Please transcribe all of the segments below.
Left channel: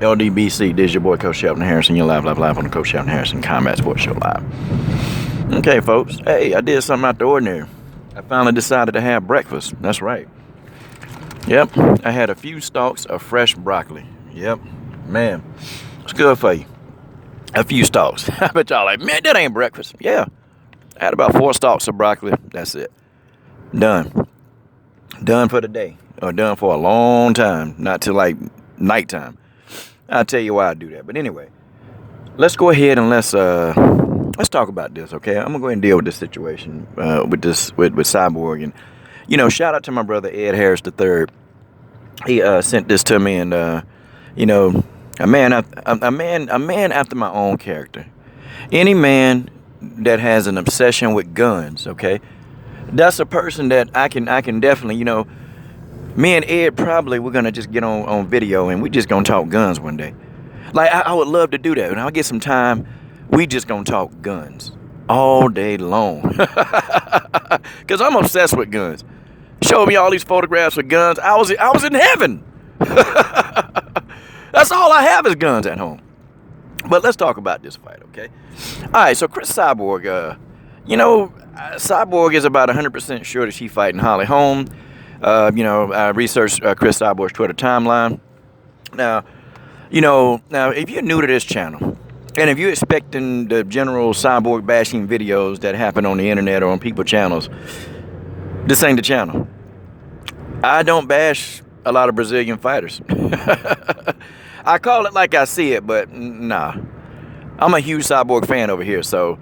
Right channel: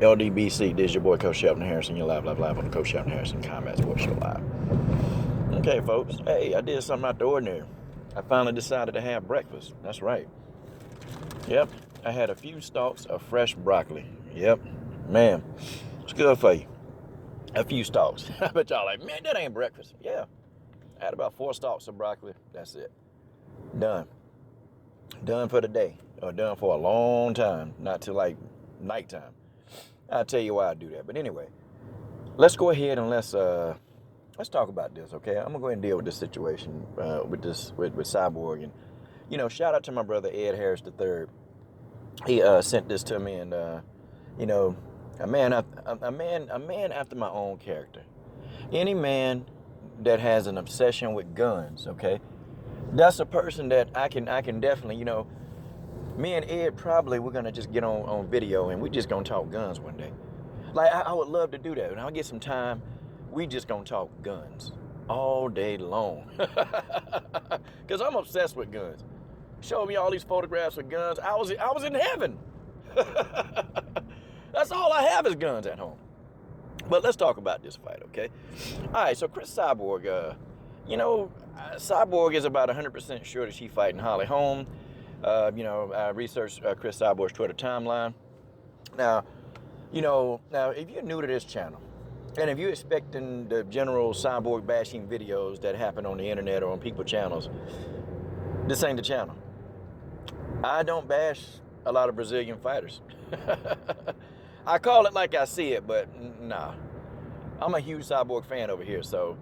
LDBC, this is your boy Coach Shelton Harrison. You're live on the Coach Shelton Harrison Combat Sports Show Live. Okay, folks. Hey, I did something out the ordinary. I finally decided to have breakfast. That's right. Yep, I had a few stalks of fresh broccoli. Yep, man, it's good for you. A few stalks. I bet y'all like, man, that ain't breakfast. Yeah, I had about 4 stalks of broccoli. That's it. Done. Done for the day. Or done for a long time. Not till like nighttime. I'll tell you why I do that. But anyway, let's go ahead and let's talk about this, okay? I'm gonna go ahead and deal with this situation with Cyborg. And shout out to my brother Ed Harris III. He sent this to me, and a man after my own character. Any man that has an obsession with guns, okay? That's a person that I can definitely, me and Ed probably we're gonna just get on video and we just gonna talk guns one day. Like I would love to do that. When I get some time, we just gonna talk guns all day long. Cause I'm obsessed with guns. Show me all these photographs of guns. I was in heaven. That's all I have is guns at home. But let's talk about this fight, okay? All right, so Cris Cyborg, Cyborg is about 100% sure that she's fighting Holly Holm. I researched Cris Cyborg's Twitter timeline. Now, if you're new to this channel, and if you're expecting the general Cyborg bashing videos that happen on the internet or on people's channels, this ain't the channel. I don't bash a lot of Brazilian fighters. I call it like I see it, but nah. I'm a huge Cyborg fan over here, so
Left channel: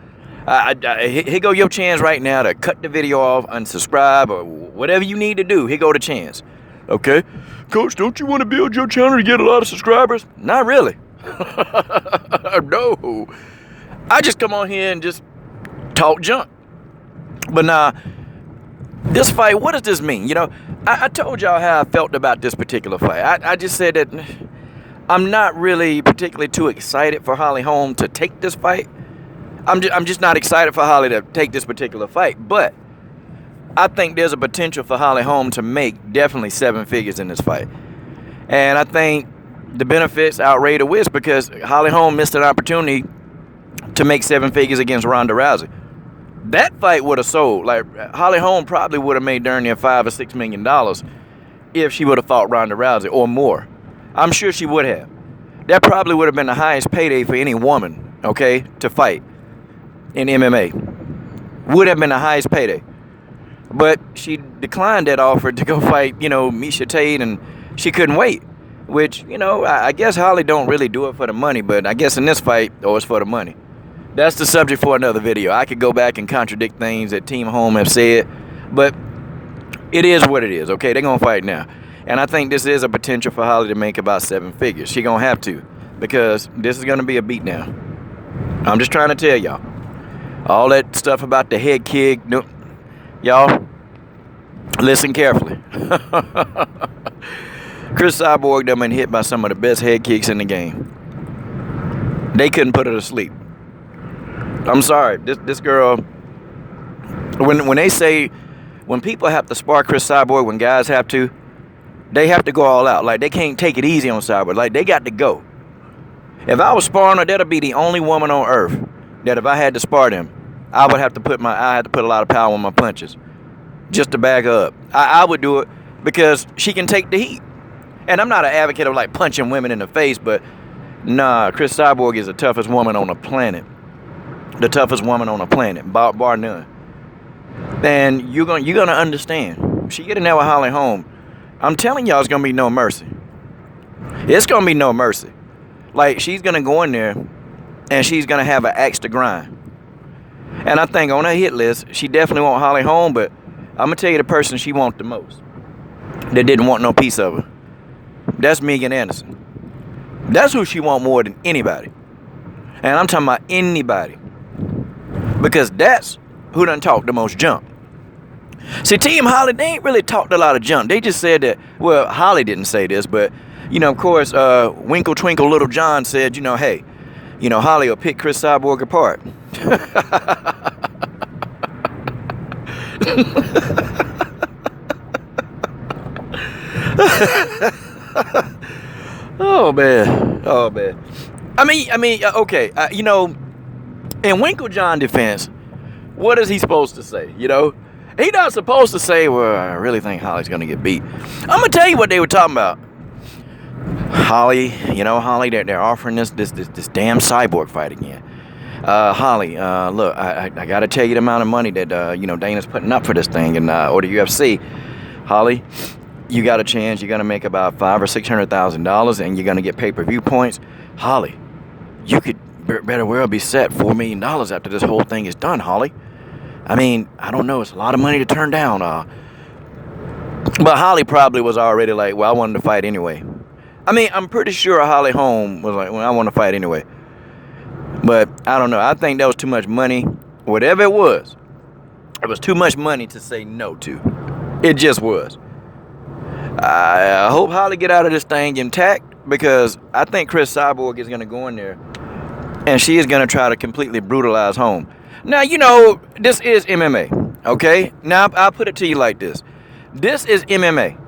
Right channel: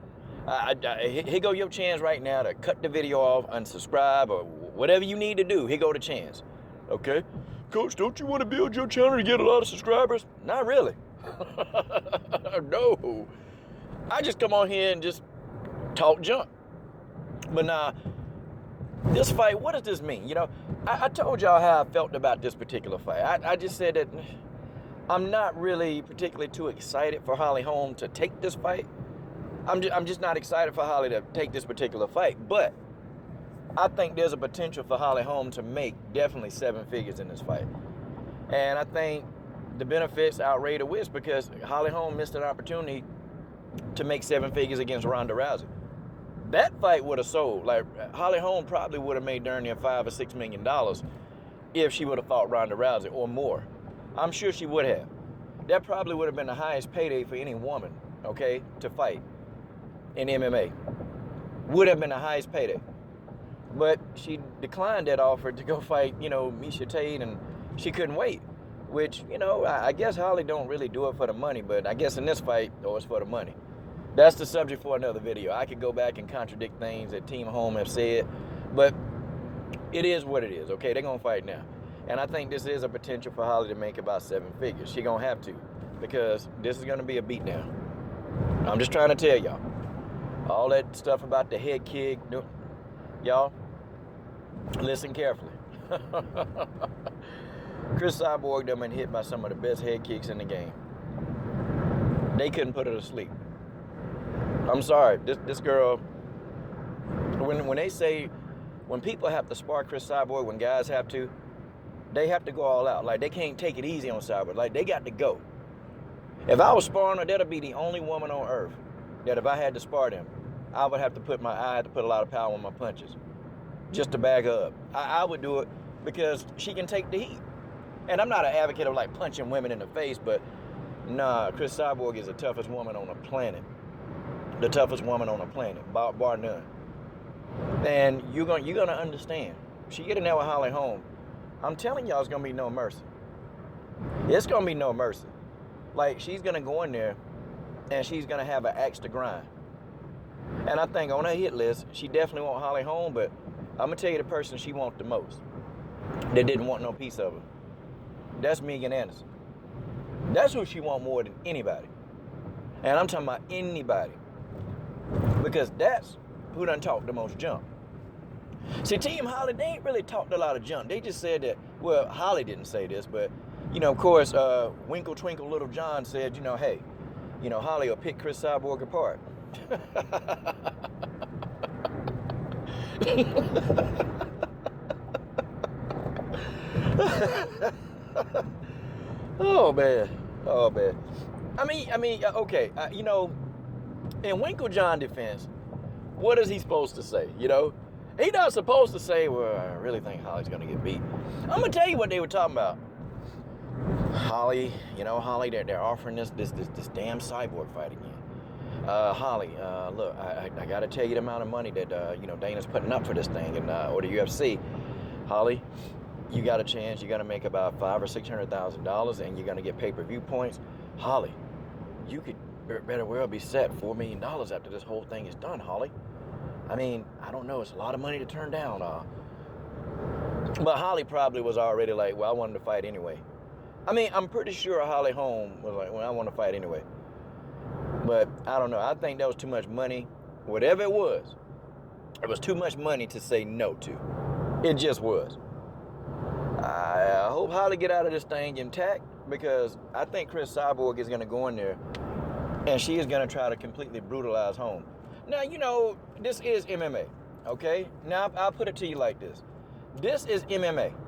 here go your chance right now to cut the video off, unsubscribe, or whatever you need to do. Here go the chance. Okay? Coach, don't you want to build your channel to get a lot of subscribers? Not really. No. I just come on here and just talk junk. But nah, this fight, what does this mean? I told y'all how I felt about this particular fight. I just said that I'm not really particularly too excited for Holly Holm to take this fight. I'm just not excited for Holly to take this particular fight, but I think there's a potential for Holly Holm to make definitely 7 figures in this fight. And I think the benefits outweigh the risk because Holly Holm missed an opportunity to make 7 figures against Ronda Rousey. That fight would have sold. Like, Holly Holm probably would have made darn near $5 or $6 million if she would have fought Ronda Rousey or more. I'm sure she would have. That probably would have been the highest payday for any woman, okay, to fight in MMA. Would have been the highest payday. But she declined that offer to go fight, Miesha Tate, and she couldn't wait. Which, I guess Holly don't really do it for the money, but I guess in this fight, it's for the money. That's the subject for another video. I could go back and contradict things that Team Holm have said, but it is what it is, okay? They're going to fight now. And I think this is a potential for Holly to make about 7 figures. She going to have to, because this is going to be a beatdown. I'm just trying to tell y'all. All that stuff about the head kick, y'all, listen carefully. Cris Cyborg done been hit by some of the best head kicks in the game. They couldn't put her to sleep. I'm sorry, this girl, when they say, when people have to spar Cris Cyborg, when guys have to, they have to go all out. Like, they can't take it easy on Cyborg. Like, they got to go. If I was sparring her, that'll be the only woman on earth that if I had to spar them, I would have to put a lot of power on my punches just to back her up. I would do it because she can take the heat. And I'm not an advocate of like punching women in the face, but nah, Cris Cyborg is the toughest woman on the planet. The toughest woman on the planet, bar none. And you're gonna understand. She get in there with Holly Holm. I'm telling y'all, it's gonna be no mercy. It's gonna be no mercy. Like, she's gonna go in there and she's gonna have an axe to grind. And I think on her hit list, she definitely want Holly Holm, but I'm gonna tell you the person she wants the most that didn't want no piece of her. That's Megan Anderson. That's who she want more than anybody. And I'm talking about anybody. Because that's who done talked the most junk. See, Team Holly, they ain't really talked a lot of junk. They just said that, well, Holly didn't say this, but, of course, Winkle Twinkle Little John said, hey, Holly will pick Cris Cyborg apart. Oh man, oh man. Okay. In Winklejohn defense, what is he supposed to say? He not supposed to say, "Well, I really think Holly's gonna get beat." I'm gonna tell you what they were talking about. Holly, Holly, they're offering this damn Cyborg fight again. Holly, look, I got to tell you the amount of money that Dana's putting up for this thing, and or the UFC. Holly, you got a chance. You're gonna make about $500,000 or $600,000, and you're gonna get pay-per-view points. Holly, you could better well be set $4 million after this whole thing is done. Holly, I mean, I don't know. It's a lot of money to turn down. But Holly probably was already like, well, I wanted to fight anyway. I mean, I'm pretty sure Holly Holm was like, well, I want to fight anyway. But I don't know. I think that was too much money. Whatever it was too much money to say no to. It just was. I hope Holly get out of this thing intact, because I think Cris Cyborg is going to go in there and she is going to try to completely brutalize Holm. Now, this is MMA, okay? Now, I'll put it to you like this. This is MMA.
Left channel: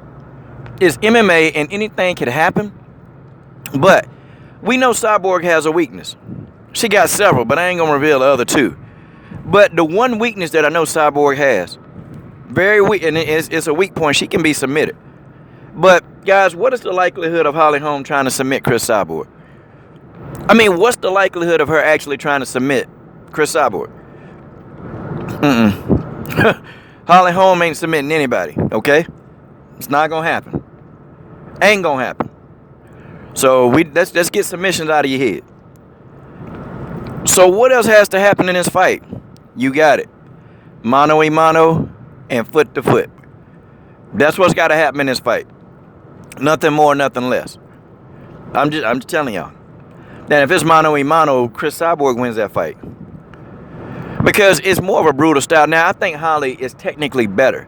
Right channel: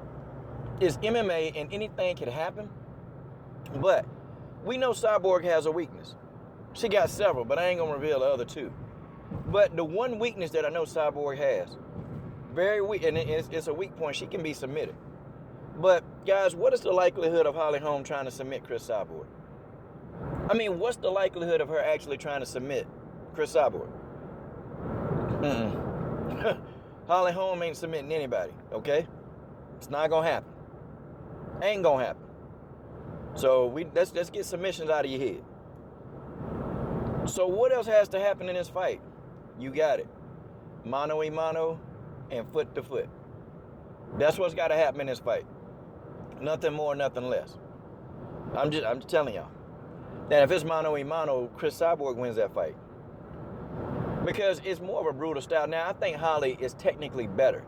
It's MMA and anything can happen, but we know Cyborg has a weakness. She got several, but I ain't going to reveal the other two. But the one weakness that I know Cyborg has, very weak, and it's a weak point, she can be submitted. But, guys, what is the likelihood of Holly Holm trying to submit Cris Cyborg? I mean, what's the likelihood of her actually trying to submit Cris Cyborg? Holly Holm ain't submitting anybody, okay? It's not going to happen. Ain't going to happen. So, let's get submissions out of your head. So, what else has to happen in this fight? You got it. Mano a mano and foot to foot. That's what's got to happen in this fight. Nothing more, nothing less. I'm just telling y'all. That if it's mano a mano, Cris Cyborg wins that fight. Because it's more of a brutal style. Now, I think Holly is technically better.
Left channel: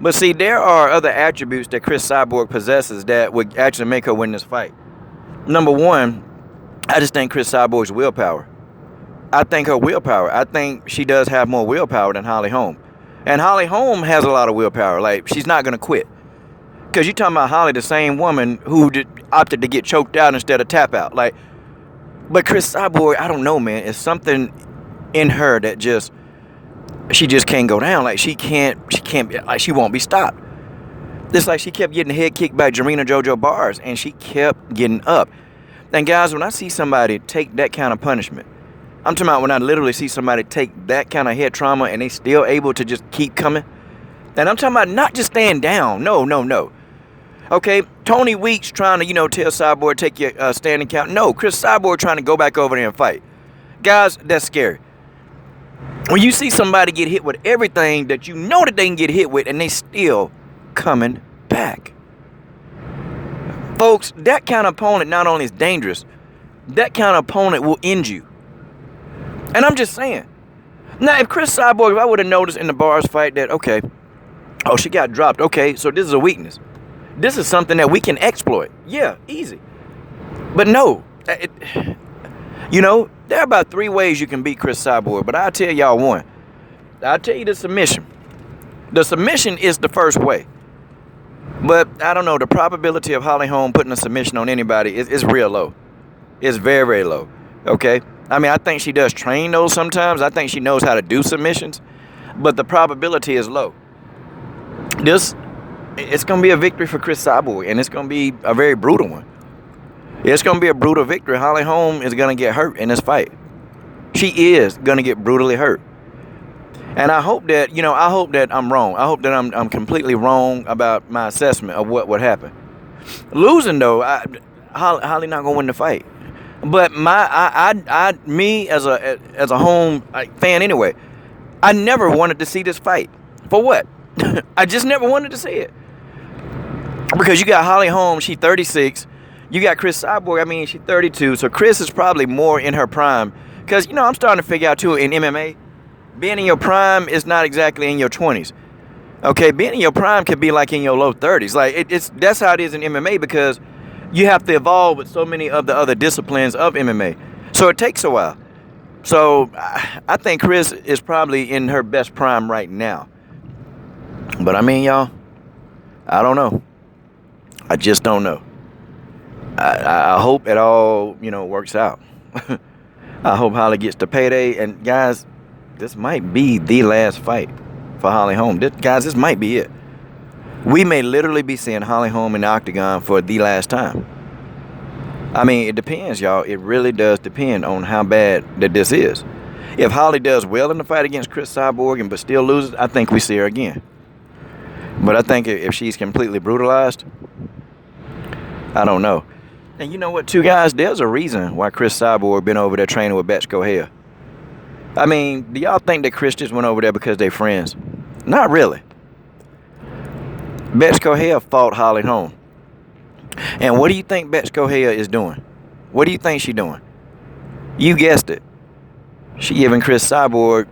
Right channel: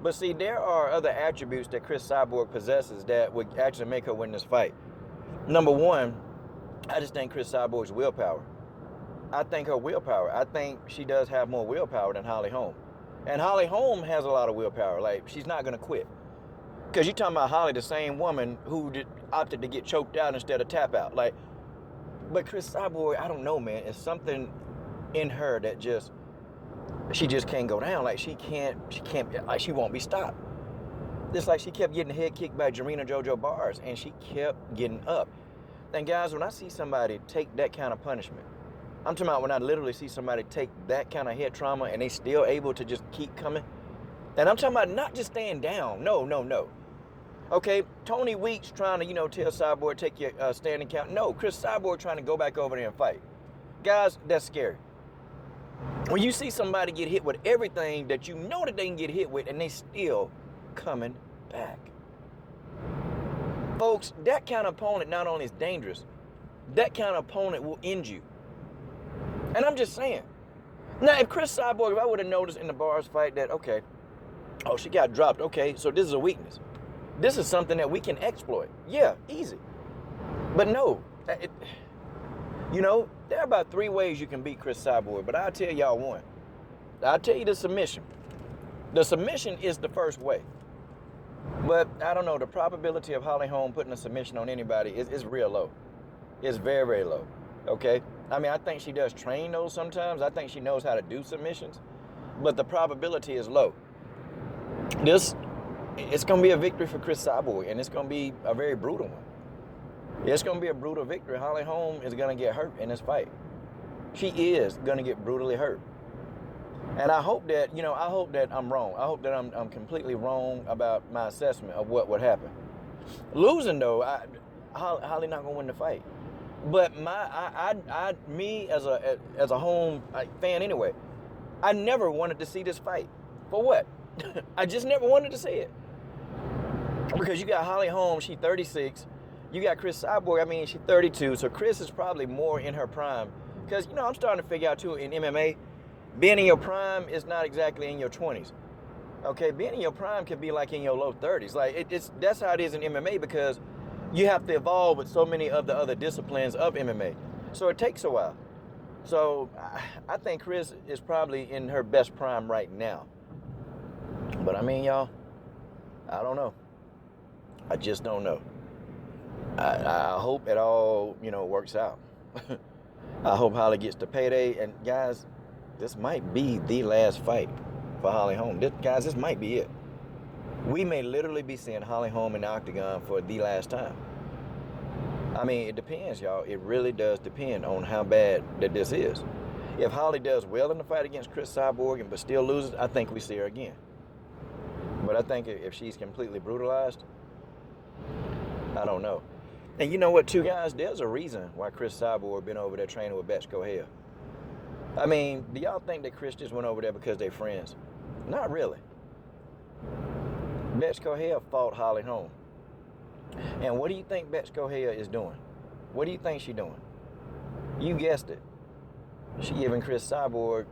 But see, there are other attributes that Cris Cyborg possesses that would actually make her win this fight. Number one, I just think Cris Cyborg's willpower. I think her willpower. I think she does have more willpower than Holly Holm. And Holly Holm has a lot of willpower. Like, she's not going to quit. Because you're talking about Holly, the same woman who opted to get choked out instead of tap out. Like, but Cris Cyborg, I don't know, man. It's something in her that she just can't go down. Like, she won't be stopped. It's like she kept getting head kicked by Jarena JoJo Bars, and she kept getting up. And guys, when I see somebody take that kind of punishment, I'm talking about when I literally see somebody take that kind of head trauma and they still able to just keep coming. And I'm talking about not just staying down. No. Okay, Tony Weeks trying to, tell Cyborg, take your standing count. No, Cris Cyborg trying to go back over there and fight. Guys, that's scary. When you see somebody get hit with everything that you know that they can get hit with and they still coming back. Folks, that kind of opponent not only is dangerous, that kind of opponent will end you. And I'm just saying. Now, if Cris Cyborg, if I would have noticed in the Bars fight that, okay, oh, she got dropped. Okay, so this is a weakness. This is something that we can exploit. Yeah, easy. But no. There are about 3 ways you can beat Cris Cyborg, but I'll tell y'all one. I'll tell you the submission. The submission is the first way. But, I don't know, the probability of Holly Holm putting a submission on anybody is real low. It's very, very low. Okay? I mean, I think she does train those sometimes. I think she knows how to do submissions. But the probability is low. It's going to be a victory for Cris Cyborg, and it's going to be a very brutal one. It's going to be a brutal victory. Holly Holm is going to get hurt in this fight. She is going to get brutally hurt. And I hope that, I'm wrong. I hope that I'm completely wrong about my assessment of what would happen. Losing, though, Holly not going to win the fight. But me as a Holm fan anyway, I never wanted to see this fight. For what? I just never wanted to see it. Because you got Holly Holm, she's 36. You got Cris Cyborg, she's 32. So Cris is probably more in her prime. Because, I'm starting to figure out, too, in MMA, being in your prime is not exactly in your 20s. Okay, being in your prime could be like in your low 30s. Like, that's how it is in MMA, because you have to evolve with so many of the other disciplines of MMA. So it takes a while. So I think Cris is probably in her best prime right now. But y'all, I don't know. I just don't know. I hope it all, works out. I hope Holly gets the payday. And guys, this might be the last fight for Holly Holm. This might be it. We may literally be seeing Holly Holm in the octagon for the last time. I mean, it depends, y'all. It really does depend on how bad that this is. If Holly does well in the fight against Cris Cyborg but still loses, I think we see her again. But I think if she's completely brutalized, I don't know. And you know what, too, guys? There's a reason why Cris Cyborg been over there training with Betch Kohea. I mean, do y'all think that Cris just went over there because they're friends? Not really. Betch Kohea fought Holly Holm. And what do you think Betch Kohea is doing? What do you think she's doing? You guessed it. She giving Cris Cyborg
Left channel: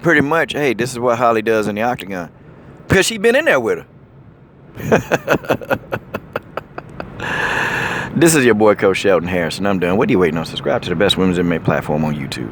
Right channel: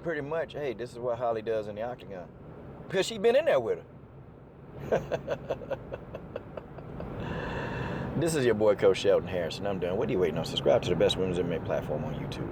pretty much, hey, this is what Holly does in the octagon. Because she been in there with her. This is your boy, Coach Shelton Harrison. I'm done. What are you waiting on? Subscribe to the best women's MMA platform on YouTube.